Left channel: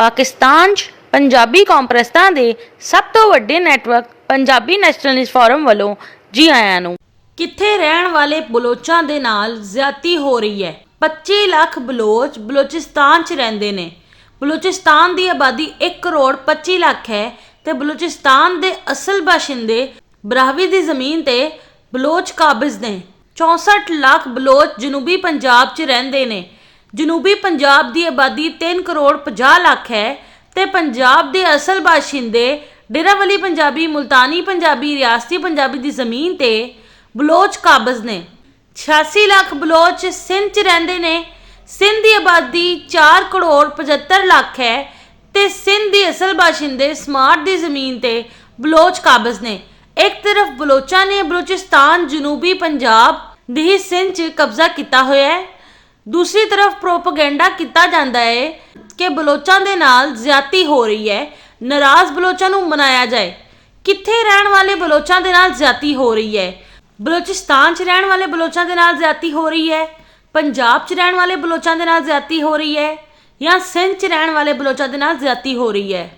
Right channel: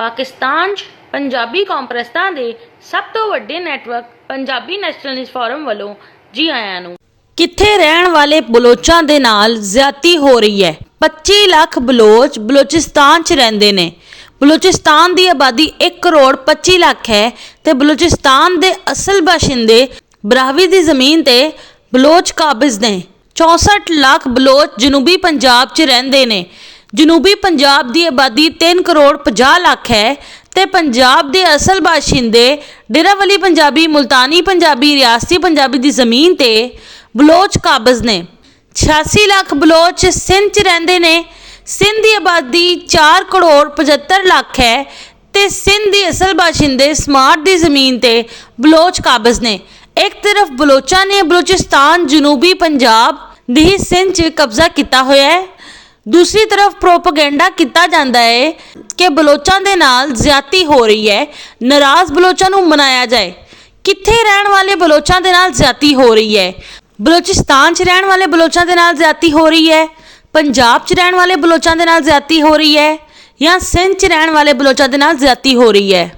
ਪਾਕਿਸਤਾਨ 'ਚ ਪੰਜਾਬੀ ਕਾਨਫਰੰਸਾਂ ਦੇ ਸਭ ਤੋਂ ਵੱਡੇ ਨੈਟਵਰਕ ਪੰਜਾਬੀ ਨੈਸ਼ਨਲਿਸਟ ਫੋਰਮ ਵੱਲੋਂ ਜੀ ਆਇਆਂ ਨੂੰ। ਕਿੱਥੇ ਰਹਿਣ ਵਾਲੇ ਬਲੋਚਾਂ ਦੇ ਨਾਲ ਜ਼ਿਆਦਤੀ ਹੋ ਰਹੀ ਹੈ। 25 ਲੱਖ ਬਲੋਚ ਬਲੋਚਿਸਤਾਨ 'ਚ ਰਹਿੰਦੇ ਨੇ। ਬਲੋਚਿਸਤਾਨ ਦੀ ਆਬਾਦੀ 1 ਕਰੋੜ 25 ਲੱਖ ਹੈ ਤੇ ਬਲੋਚਿਸਤਾਨ ਦੇ ਅਸਲ ਬਾਸ਼ਿੰਦੇ ਬਰਾਹਵੀ ਦੀ ਜ਼ਮੀਨ ਤੇ ਬਲੋਚ ਕਾਬਜ਼ ਨੇ। 64 ਲੱਖ ਬਲੋਚ ਜਨੂਬੀ ਪੰਜਾਬ 'ਚ ਰਹਿੰਦੇ ਨੇ। ਜਨੂਬੀ ਪੰਜਾਬ ਦੀ ਆਬਾਦੀ 3 ਕਰੋੜ 50 ਲੱਖ ਹੈ ਤੇ ਪੰਜਾਬ ਦੇ ਅਸਲ ਬਾਸ਼ਿੰਦੇ ਡੇਰਾਵਲੀ ਪੰਜਾਬੀ, ਮੁਲਤਾਨੀ ਪੰਜਾਬੀ, ਰਿਆਸਤੀ ਪੰਜਾਬੀ ਦੀ ਜ਼ਮੀਨ ਤੇ ਬਲੋਚ ਕਾਬਜ਼ ਨੇ। 86 ਲੱਖ ਬਲੋਚ ਸਿੰਧ 'ਚ ਰਹਿੰਦੇ ਨੇ। ਸਿੰਧ ਦੀ ਆਬਾਦੀ 4 ਕਰੋੜ 75 ਲੱਖ ਹੈ ਤੇ ਸਿੰਧ ਦੀ ਅਸਲ ਬਾਸ਼ਿੰਦੇ ਸਮਾਰਟ ਦੀ ਜ਼ਮੀਨ ਤੇ ਬਲੋਚ ਕਾਬਜ਼ ਨੇ। ਇੱਕ ਤਰਫ ਬਲੋਚਾਂ ਨੇ ਬਲੋਚਿਸਤਾਨ ਜਨੂਬੀ ਪੰਜਾਬ ਦੀ ਸਿੰਧ 'ਚ ਕਬਜ਼ਾ ਕੀਤਾ ਹੋਇਆ ਹੈ, ਦੂਸਰੀ ਤਰਫ ਪ੍ਰੋਪੇਗੈਂਡਾ ਕੀਤਾ ਜਾਂਦਾ ਹੈ ਕਿ ਬਲੋਚਾਂ ਦੇ ਨਾਲ ਜ਼ਿਆਦਤੀ ਹੋ ਰਹੀ ਹੈ, ਨਾਰਾਜ਼ ਬਲੋਚਾਂ ਨੂੰ ਮਨਾਇਆ ਜਾਏ। ਕਿੱਥੇ ਰਹਿਣ ਵਾਲੇ ਬਲੋਚਾਂ ਦੇ ਨਾਲ ਜ਼ਿਆਦਤੀ ਹੋ ਰਹੀ ਹੈ? ਬਲੋਚਿਸਤਾਨ 'ਚ ਰਹਿਣ ਵਾਲੇ ਬਲੋਚਾਂ ਦੇ ਨਾਲ ਜ਼ਿਆਦਤੀ ਹੋ ਰਹੀ ਹੈ, ਪੰਜਾਬ 'ਚ ਰਹਿਣ ਵਾਲੇ ਬਲੋਚਾਂ ਦੇ ਨਾਲ ਜ਼ਿਆਦਤੀ ਹੋ ਰਹੀ ਹੈ ਜਾਂ ਸਿੰਧ 'ਚ ਰਹਿਣ ਵਾਲੇ ਬਲੋਚਾਂ ਦੇ ਨਾਲ ਜ਼ਿਆਦਤੀ ਹੋ ਰਹੀ ਹੈ?